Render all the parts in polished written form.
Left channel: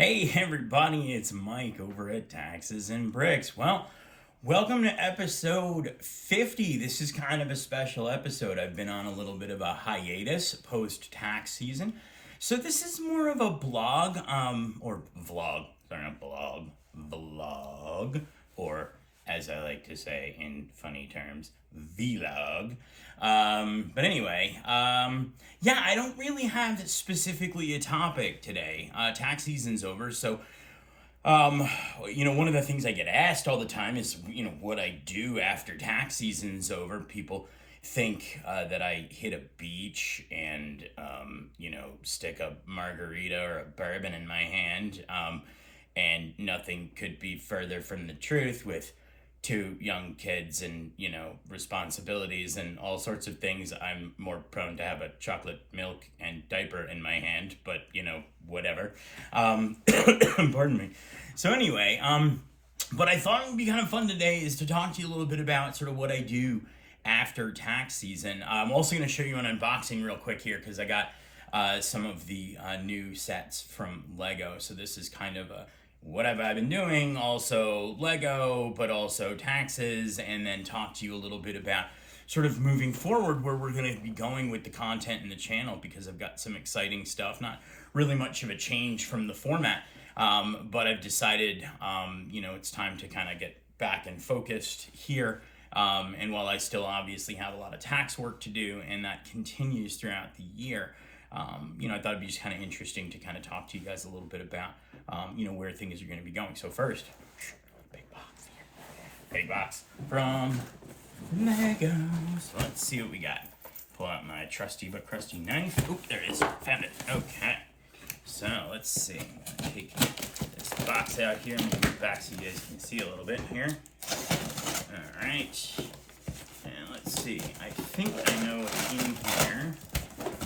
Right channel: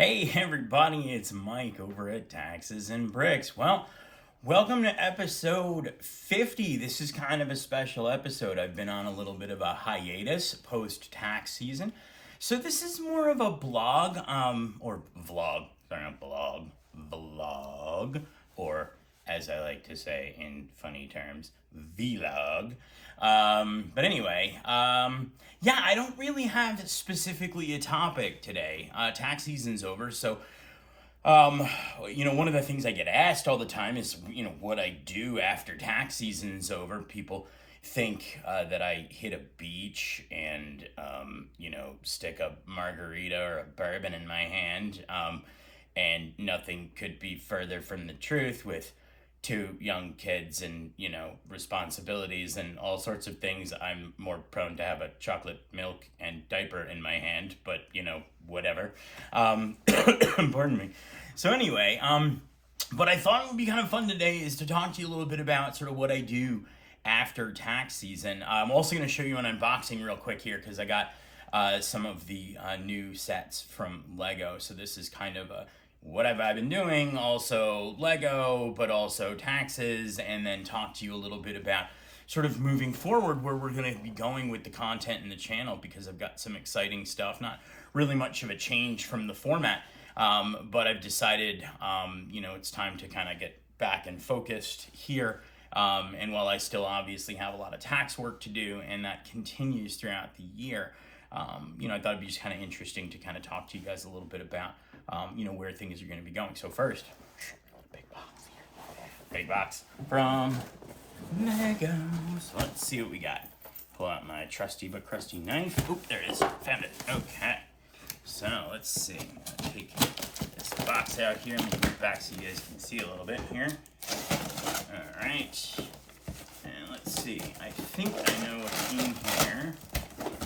Hey everybody, it's Mike over at Taxes and Bricks. Well, welcome to episode 50. This is kind of a special episode. I've been on a little bit of a hiatus post tax season. So this is more of a blog, or vlog, sorry, not blog, vlog, or as I like to say in funny terms, vlog. But anyway, yeah, I don't really have specifically a topic today. Tax season's over, so one of the things I get asked all the time is, what I do after tax season's over. People think that I hit a beach and, stick a margarita or a bourbon in my hand. And nothing could be further from the truth with two young kids and, responsibilities and all sorts of things. I'm more prone to have a chocolate milk and diaper in my hand, but, whatever. Pardon me. So anyway, what I thought would be kind of fun today is to talk to you a little bit about sort of what I do after tax season. I'm also going to show you an unboxing real quick here because I got some of the new sets from Lego. So this is kind of a what have I been doing, also Lego, but also taxes, and then talk to you a little bit about sort of moving forward where we're going to be going with the content in the channel, because I've got some exciting stuff, not really much of a change from the format, but I've decided, it's time to kind of get back and focused here. And while I still obviously have a lot of tax work to do, and that continues throughout the year, I thought it'd be just kind of interesting to kind of talk to you guys a little bit about, where things are going to be going. So first, big box here. Big box from Lego. So let's see what we got. Pull out my trusty but crusty knife. Oop, there it is. Found it. Okay. So let's see. I'm going to take this box out here. I'm going to move it back so you guys can see a little bit here. All right. And let's see. I think I know what's in here.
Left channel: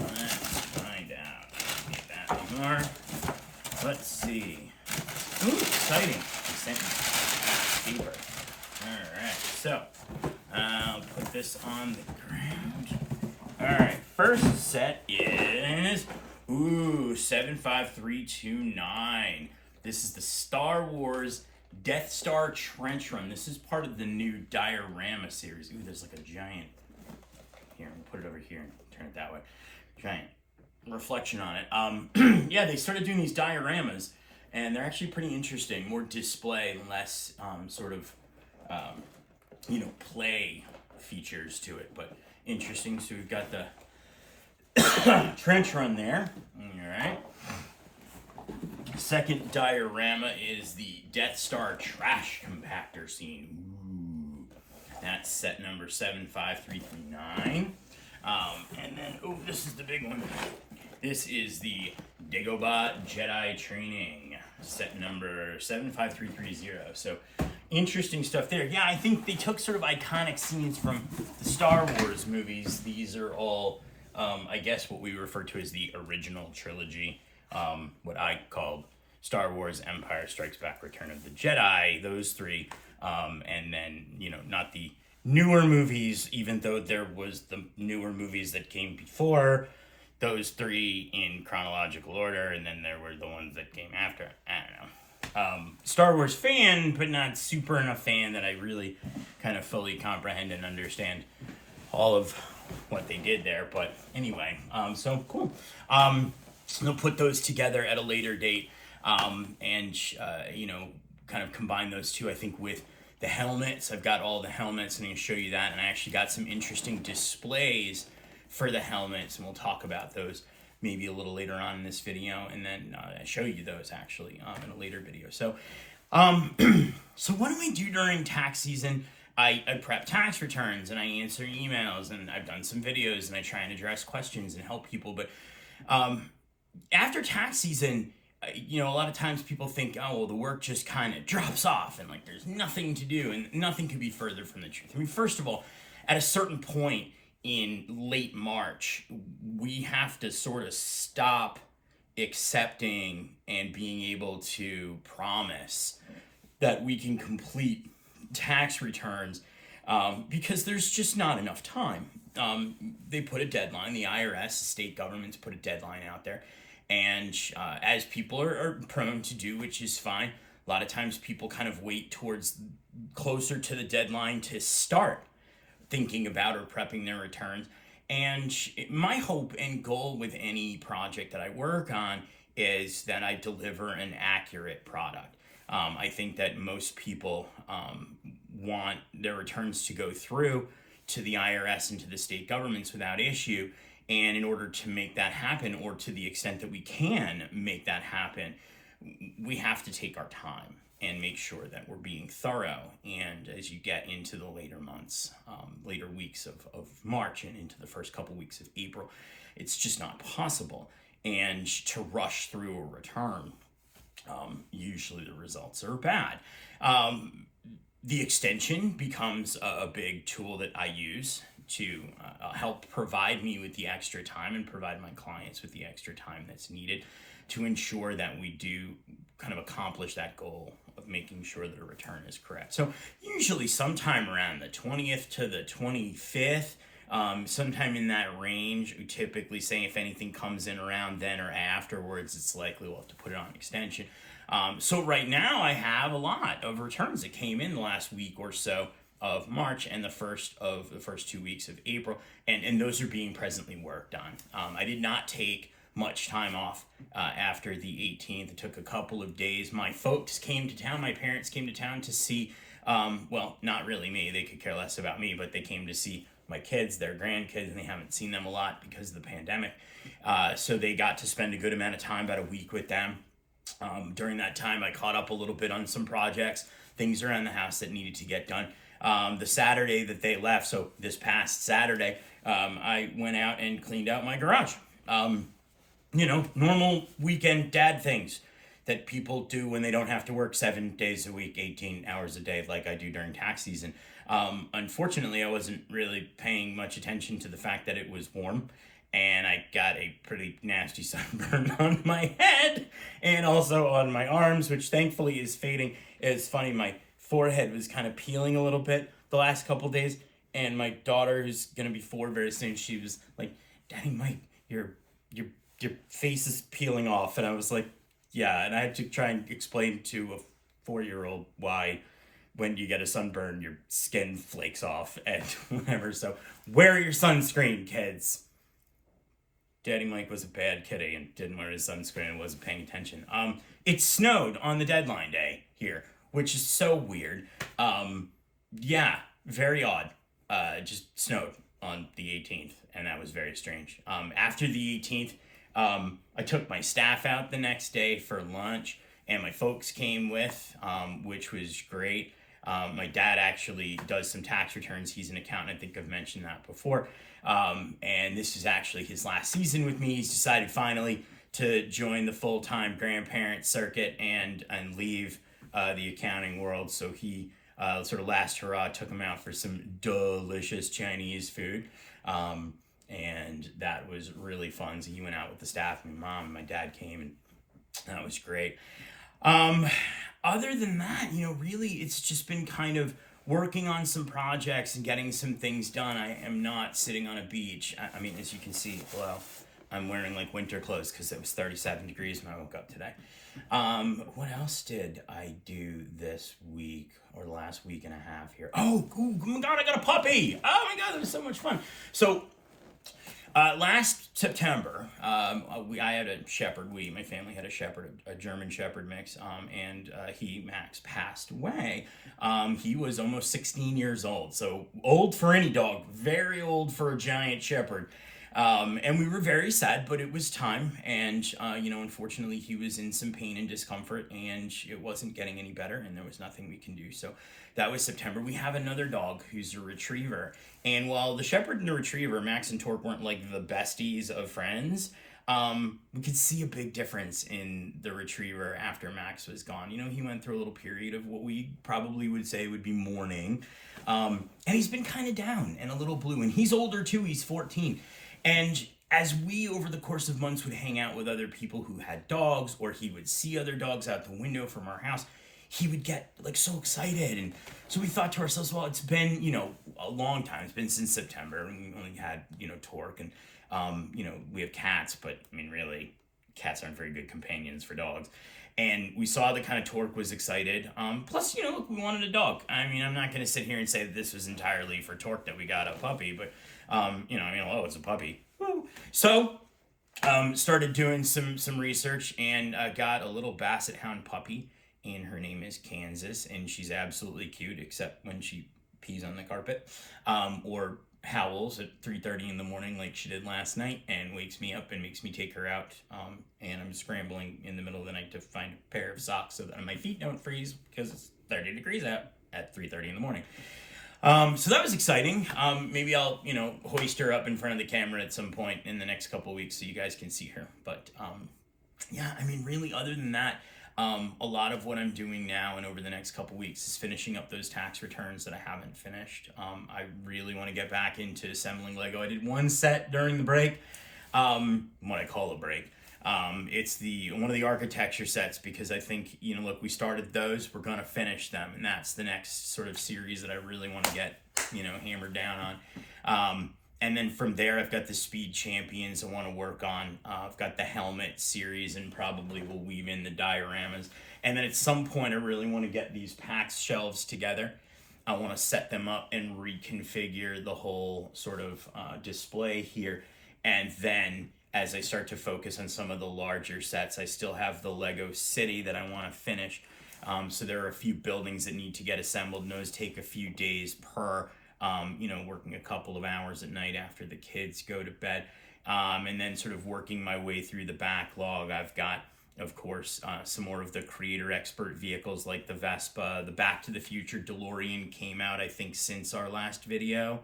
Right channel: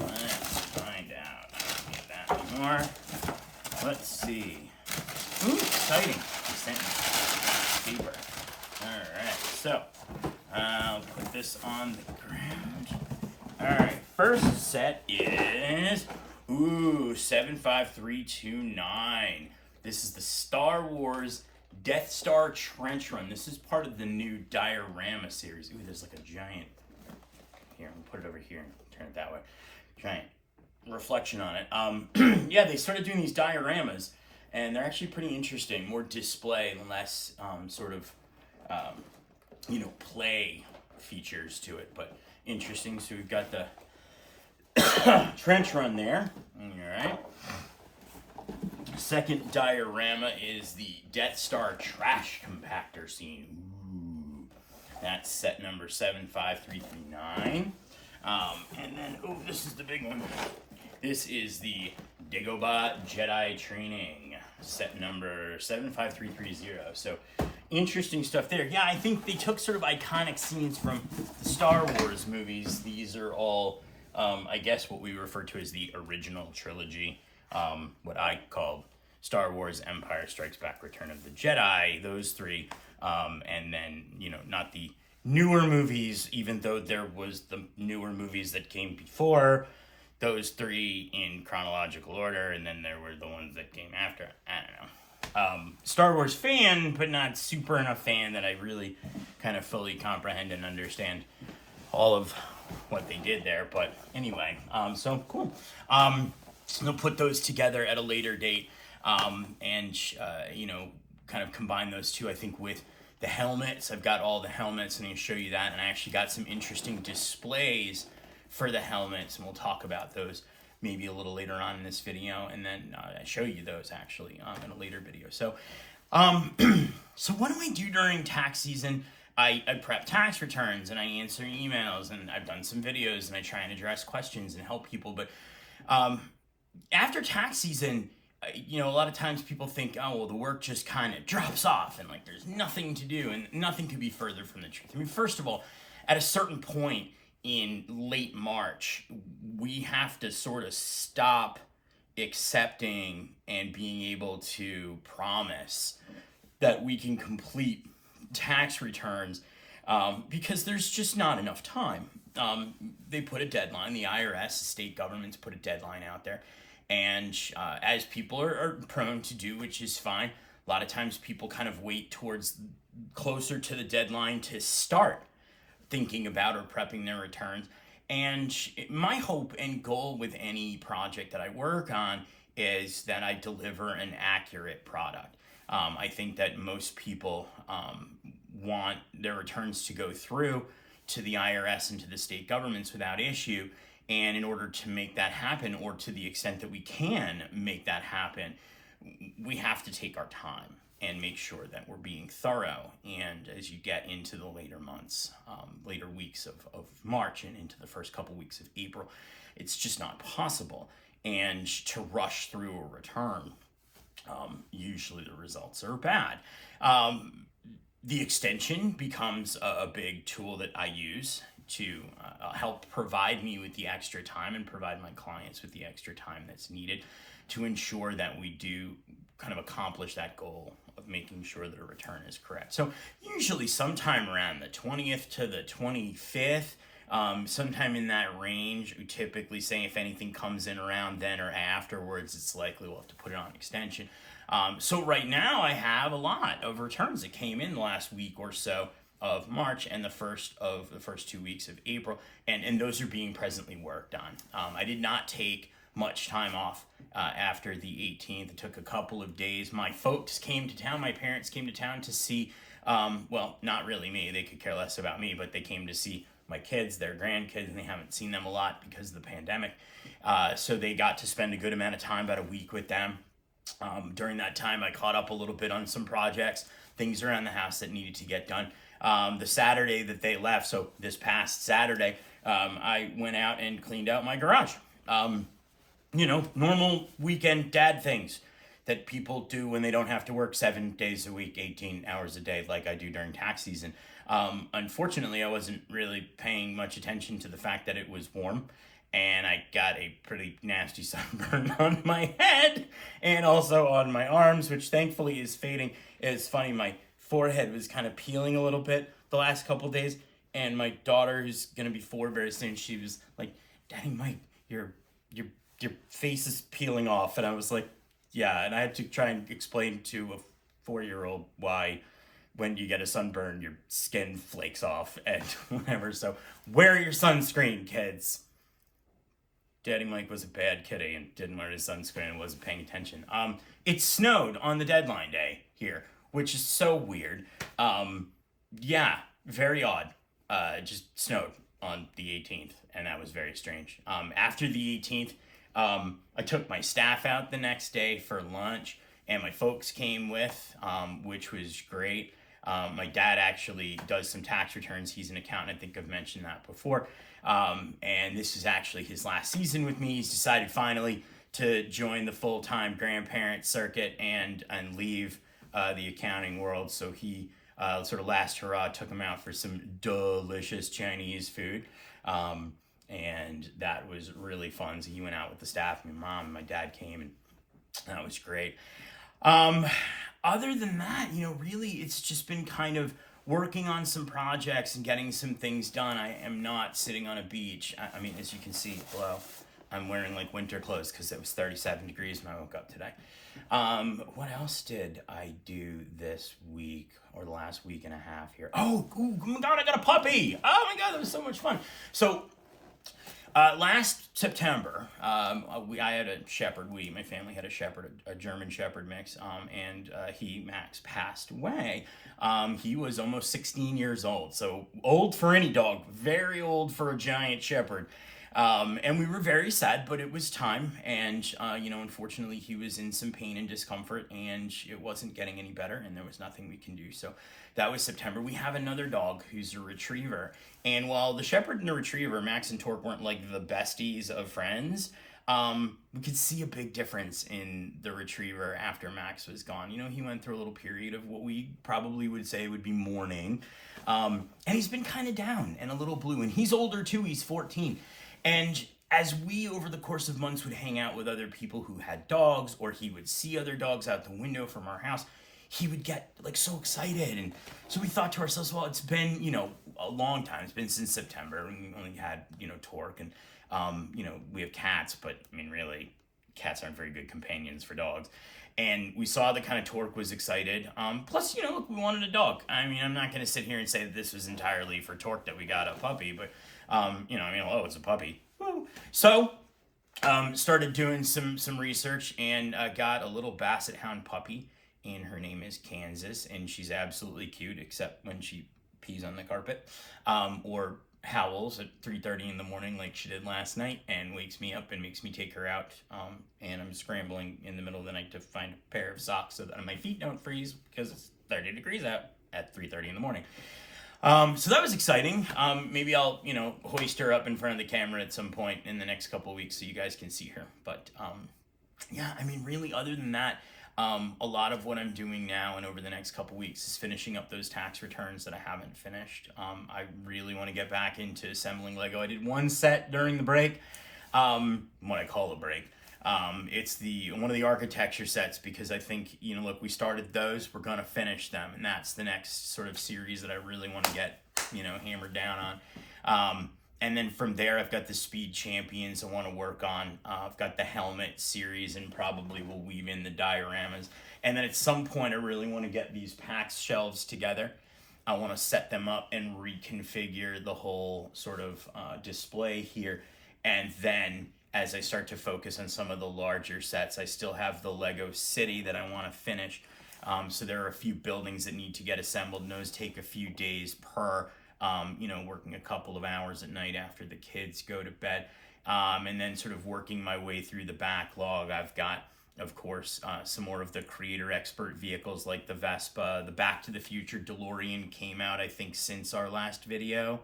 Let's find out. I don't need that anymore. Let's see. Ooh, exciting. He sent me paper. Alright, so I'll put this on the ground. Alright, first set is 75329. This is the Star Wars Death Star Trench Run. This is part of the new Diorama series. Ooh, there's like a giant. Here, I'll put it over here and turn it that way. Giant reflection on it. Yeah, they started doing these dioramas, and they're actually pretty interesting. More display, less play features to it, but interesting. So we've got the trench run there. All right. Second diorama is the Death Star trash compactor scene. Ooh. That's set number 75339. And then, this is the big one. This is the Dagobah Jedi Training, set number 75330. So, interesting stuff there. Yeah, I think they took sort of iconic scenes from the Star Wars movies. These are all, I guess, what we refer to as the original trilogy, what I called Star Wars, Empire Strikes Back, Return of the Jedi, those three, and then, not the newer movies, even though there was the newer movies that came before those three in chronological order, and then there were the ones that came after. I don't know. Star Wars fan, but not super enough fan that I really kind of fully comprehend and understand all of what they did there. But anyway, so cool. They'll put those together at a later date, and kind of combine those two, I think, with the helmets. I've got all the helmets, and I'm going to show you that. And I actually got some interesting displays for the helmets, and we'll talk about those maybe a little later on in this video, and then show you those actually in a later video. So, so what do I do during tax season? I prep tax returns, and I answer emails, and I've done some videos, and I try and address questions and help people. But after tax season, a lot of times people think, oh, well, the work just kind of drops off and like there's nothing to do, and nothing could be further from the truth. I mean, first of all, at a certain point in late March, we have to sort of stop accepting and being able to promise that we can complete tax returns because there's just not enough time. They put a deadline. The IRS, state governments put a deadline out there. And as people are prone to do, which is fine, a lot of times people kind of wait towards closer to the deadline to start thinking about or prepping their returns. And my hope and goal with any project that I work on is that I deliver an accurate product. I think that most people want their returns to go through to the IRS and to the state governments without issue. And in order to make that happen, or to the extent that we can make that happen, we have to take our time and make sure that we're being thorough. And as you get into the later months, later weeks of March and into the first couple weeks of April, it's just not possible. And to rush through a return, usually the results are bad. The extension becomes a big tool that I use to help provide me with the extra time and provide my clients with the extra time that's needed to ensure that we do kind of accomplish that goal of making sure that a return is correct. So usually sometime around the 20th to the 25th, sometime in that range, we typically say if anything comes in around then or afterwards, it's likely we'll have to put it on extension. So right now I have a lot of returns that came in the last week or so of March and the first 2 weeks of April, and those are being presently worked on. I did not take much time off after the 18th. It took a couple of days. My folks came to town. My parents came to town to see, well, not really me. They could care less about me, but they came to see my kids, their grandkids, and they haven't seen them a lot because of the pandemic. So they got to spend a good amount of time, about a week with them. During that time, I caught up a little bit on some projects, things around the house that needed to get done. The Saturday that they left, so this past Saturday, I went out and cleaned out my garage. Normal weekend dad things that people do when they don't have to work 7 days a week, 18 hours a day, like I do during tax season. Unfortunately, I wasn't really paying much attention to the fact that it was warm, and I got a pretty nasty sunburn on my head and also on my arms, which thankfully is fading. It's funny, my forehead was kind of peeling a little bit the last couple days, and my daughter, who's gonna be 4 very soon, she was like, "Daddy Mike, your face is peeling off," and I was like, "Yeah," and I had to try and explain to a 4-year-old why when you get a sunburn, your skin flakes off and whatever. So wear your sunscreen, kids. Daddy Mike was a bad kitty and didn't wear his sunscreen and wasn't paying attention. It snowed on the deadline day here, which is so weird. Yeah, very odd. Just snowed on the 18th, and that was very strange. After the 18th, I took my staff out the next day for lunch, and my folks came with, which was great. My dad actually does some tax returns. He's an accountant. I think I've mentioned that before. And this is actually his last season with me. He's decided finally to join the full-time grandparent circuit and leave the accounting world. So he sort of last hurrah took him out for some delicious Chinese food. And that was really fun. So he went out with the staff. My mom and my dad came, and that was great. Other than that, really it's just been kind of working on some projects and getting some things done. I am not sitting on a beach. I mean, as you can see, well, I'm wearing like winter clothes because it was 37 degrees when I woke up today. What else did I do this week or the last week and a half here? Oh my God, I got a puppy. Oh my God, that was so much fun. So, last September, I had a shepherd. My family had a shepherd, a German shepherd mix, and Max passed away. He was almost 16 years old, so old for any dog, very old for a giant shepherd. And we were very sad, but it was time, and unfortunately he was in some pain and discomfort, and it wasn't getting any better, and there was nothing we can do. So that was September. We have another dog who's a retriever, and while the shepherd and the retriever, Max and Torque, weren't like the besties of friends, we could see a big difference in the retriever after Max was gone. He went through a little period of what we probably would say would be mourning, and he's been kind of down and a little blue, and he's older too. He's 14. And as we, over the course of months, would hang out with other people who had dogs, or he would see other dogs out the window from our house, he would get like so excited. And so we thought to ourselves, well, it's been, a long time. It's been since September. We only had, Torque, and, we have cats, but I mean, really, cats aren't very good companions for dogs. And we saw that kind of Torque was excited. Plus, look, we wanted a dog. I mean, I'm not going to sit here and say that this was entirely for Torque that we got a puppy, but, it's a puppy. Woo. So, started doing some research and got a little Basset Hound puppy, and her name is Kansas, and she's absolutely cute, except when she pees on the carpet, or howls at 3:30 in the morning like she did last night and wakes me up and makes me take her out, and I'm scrambling in the middle of the night to find a pair of socks so that my feet don't freeze because it's 30 degrees out at 3:30 in the morning. So that was exciting. Maybe I'll, hoist her up in front of the camera at some point in the next couple of weeks so you guys can see her. But yeah, I mean, really, other than that, a lot of what I'm doing now and over the next couple weeks is finishing up those tax returns that I haven't finished. I really want to get back into assembling Lego. I did one set during the break, what I call a break. It's one of the architecture sets because I think, look, we started those, we're going to finish them. And that's the next sort of series that I really want to get, hammered down on. And then from there, I've got the Speed Champions I want to work on. I've got the helmet series and probably will weave in the dioramas. And then at some point, I really want to get these PAX shelves together. I want to set them up and reconfigure the whole sort of display here. And then as I start to focus on some of the larger sets, I still have the Lego City that I want to finish. So there are a few buildings that need to get assembled, and those take a few days per. Working a couple of hours at night after the kids go to bed, and then sort of working my way through the backlog. I've got, of course, some more of the creator expert vehicles like the Vespa. The Back to the Future DeLorean came out, I think, since our last video,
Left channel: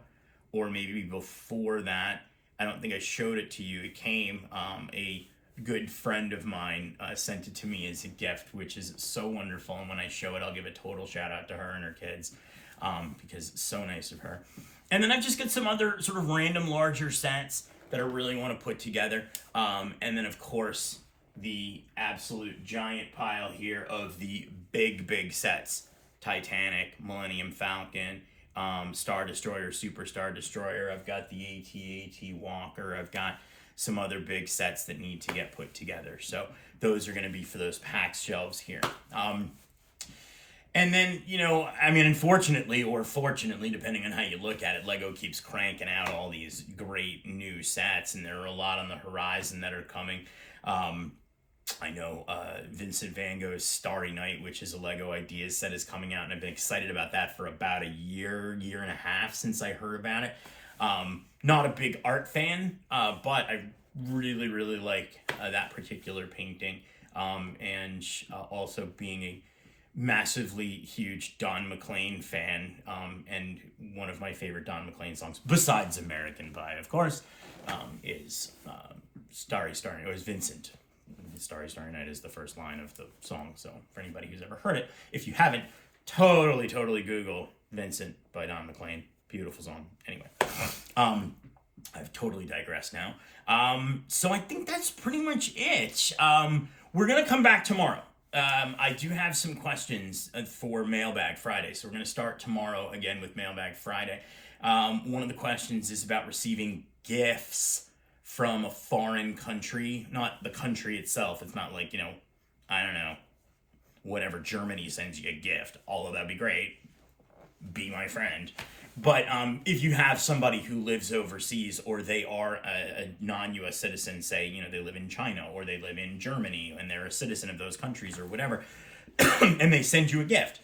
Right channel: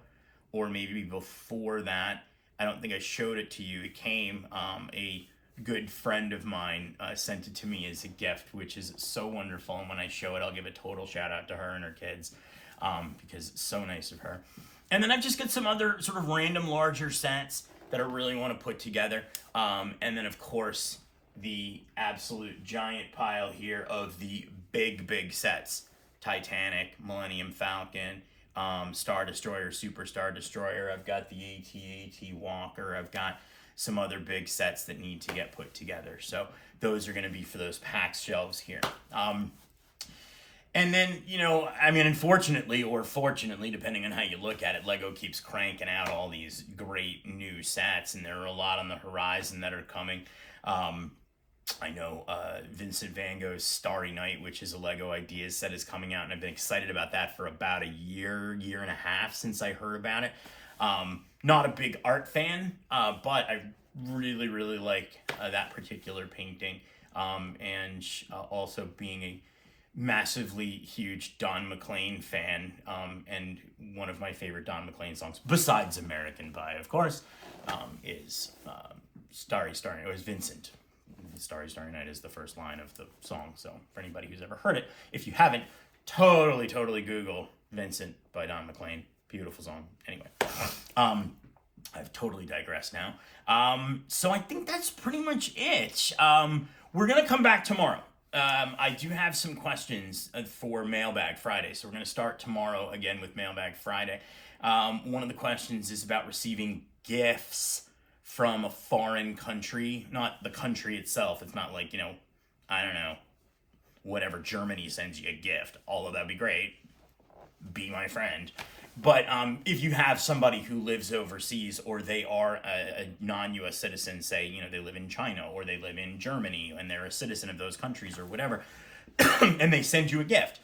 or maybe before that. I don't think I showed it to you. It came, a good friend of mine sent it to me as a gift, which is so wonderful. And when I show it, I'll give a total shout out to her and her kids. Because it's so nice of her. And then I've just got some other sort of random larger sets that I really want to put together. And then, of course, the absolute giant pile here of the big sets. Titanic, Millennium Falcon, Star Destroyer, Super Star Destroyer. I've got the AT-AT Walker. I've got some other big sets that need to get put together. So those are going to be for those PAX shelves here. And then, unfortunately or fortunately, depending on how you look at it, Lego keeps cranking out all these great new sets, and there are a lot on the horizon that are coming. I know Vincent Van Gogh's Starry Night, which is a Lego Ideas set, is coming out, and I've been excited about that for about a year and a half since I heard about it. Not a big art fan, but I really, really like that particular painting, and also being a massively huge Don McLean fan, and one of my favorite Don McLean songs, besides American Pie, of course, is Starry Night. It was Vincent. Starry Night is the first line of the song, so for anybody who's ever heard it, if you haven't, totally Google Vincent by Don McLean. Beautiful song. Anyway, I've totally digressed now. So I think that's pretty much it. We're going to come back tomorrow. I do have some questions for Mailbag Friday, so we're going to start tomorrow again with Mailbag Friday. One of the questions is about receiving gifts from a foreign country, not the country itself. It's not like, I don't know, whatever, Germany sends you a gift, although that'd be great. Be my friend. But if you have somebody who lives overseas, or they are a non-U.S. citizen, say, they live in China or they live in Germany and they're a citizen of those countries or whatever, and they send you a gift,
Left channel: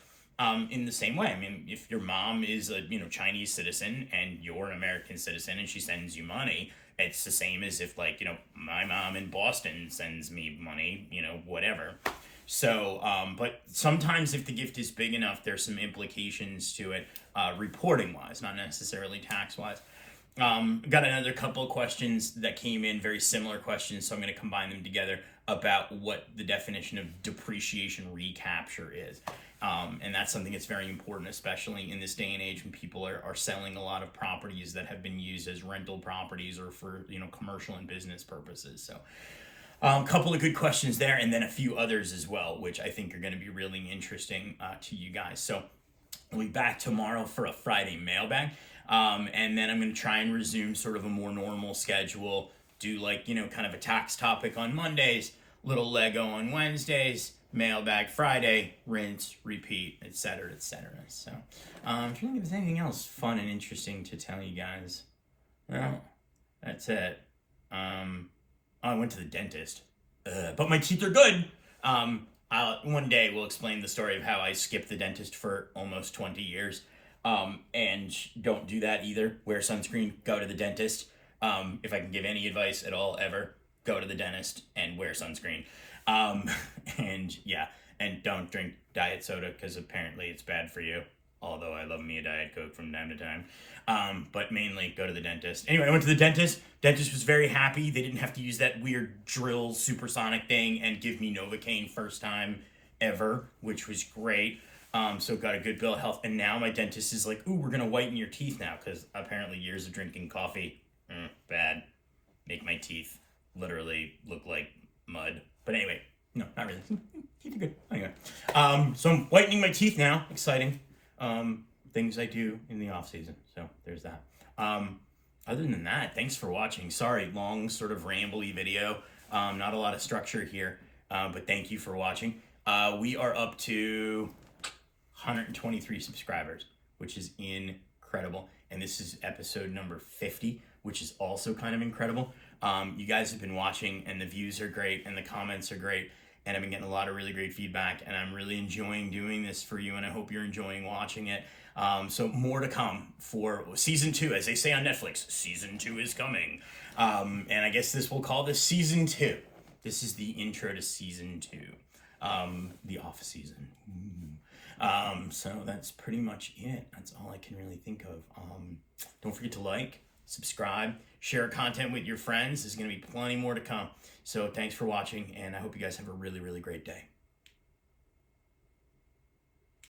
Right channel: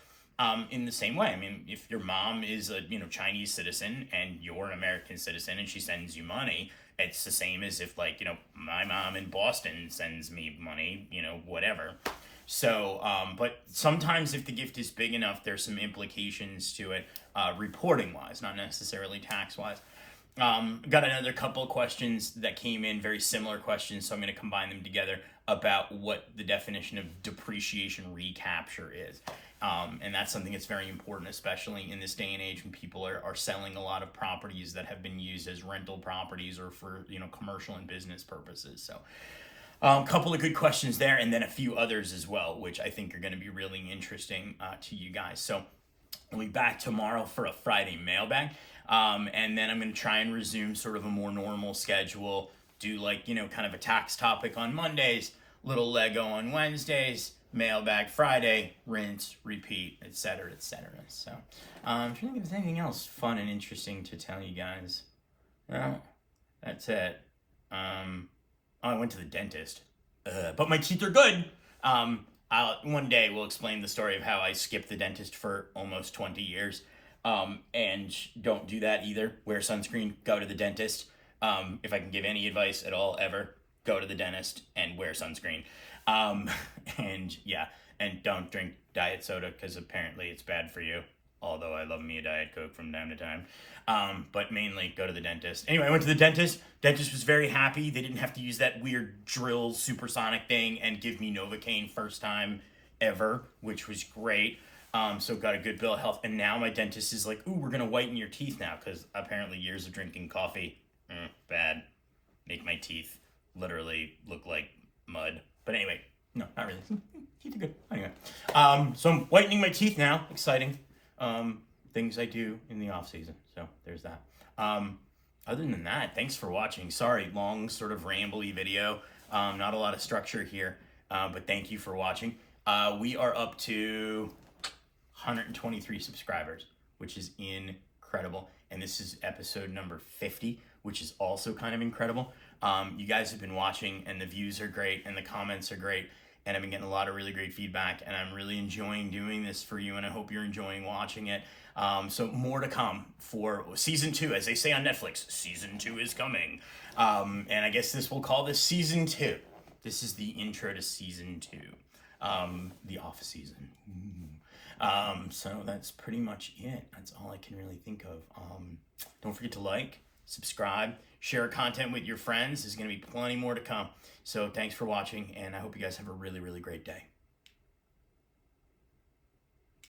in the same way. I mean, if your mom is a Chinese citizen and you're an American citizen and she sends you money, it's the same as if, like, my mom in Boston sends me money, whatever. So, but sometimes if the gift is big enough, there's some implications to it, reporting-wise, not necessarily tax-wise. Got another couple of questions that came in, very similar questions, so I'm going to combine them together about what the definition of depreciation recapture is. And that's something that's very important, especially in this day and age when people are selling a lot of properties that have been used as rental properties or for, commercial and business purposes. So a couple of good questions there, and then a few others as well, which I think are going to be really interesting to you guys. So we'll be back tomorrow for a Friday mailbag, and then I'm going to try and resume sort of a more normal schedule, do kind of a tax topic on Mondays, little Lego on Wednesdays, mailbag Friday, rinse, repeat, etc., etc. So, I'm trying to think if there's anything else fun and interesting to tell you guys. Well, that's it. I went to the dentist, but my teeth are good. One day we'll explain the story of how I skipped the dentist for almost 20 years. And don't do that either. Wear sunscreen, go to the dentist. If I can give any advice at all ever, go to the dentist and wear sunscreen. And yeah, and don't drink diet soda because apparently it's bad for you. Although I love me a Diet Coke from time to time. But mainly go to the dentist. Anyway, I went to the dentist. Dentist was very happy. They didn't have to use that weird drill supersonic thing and give me Novocaine first time ever, which was great. So got a good bill of health. And now my dentist is like, ooh, we're going to whiten your teeth now because apparently years of drinking coffee, bad. Make my teeth literally look like mud. But anyway, no, not really. Teeth are good. Anyway, so I'm whitening my teeth now. Exciting. Things I do in the off season. So there's that. Other than that, thanks for watching. Sorry, long sort of rambly video. Not a lot of structure here, but thank you for watching. We are up to 123 subscribers, which is incredible. And this is episode number 50, which is also kind of incredible. You guys have been watching and the views are great and the comments are great. And I've been getting a lot of really great feedback and I'm really enjoying doing this for you and I hope you're enjoying watching it. So more to come for season 2, as they say on Netflix, season 2 is coming. And I guess we'll call this season 2. This is the intro to season 2, the off season. So that's pretty much it. That's all I can really think of. Don't forget to like, subscribe, share content with your friends. There's going to be plenty more to come. So thanks for watching, and I hope you guys have a really, really great day.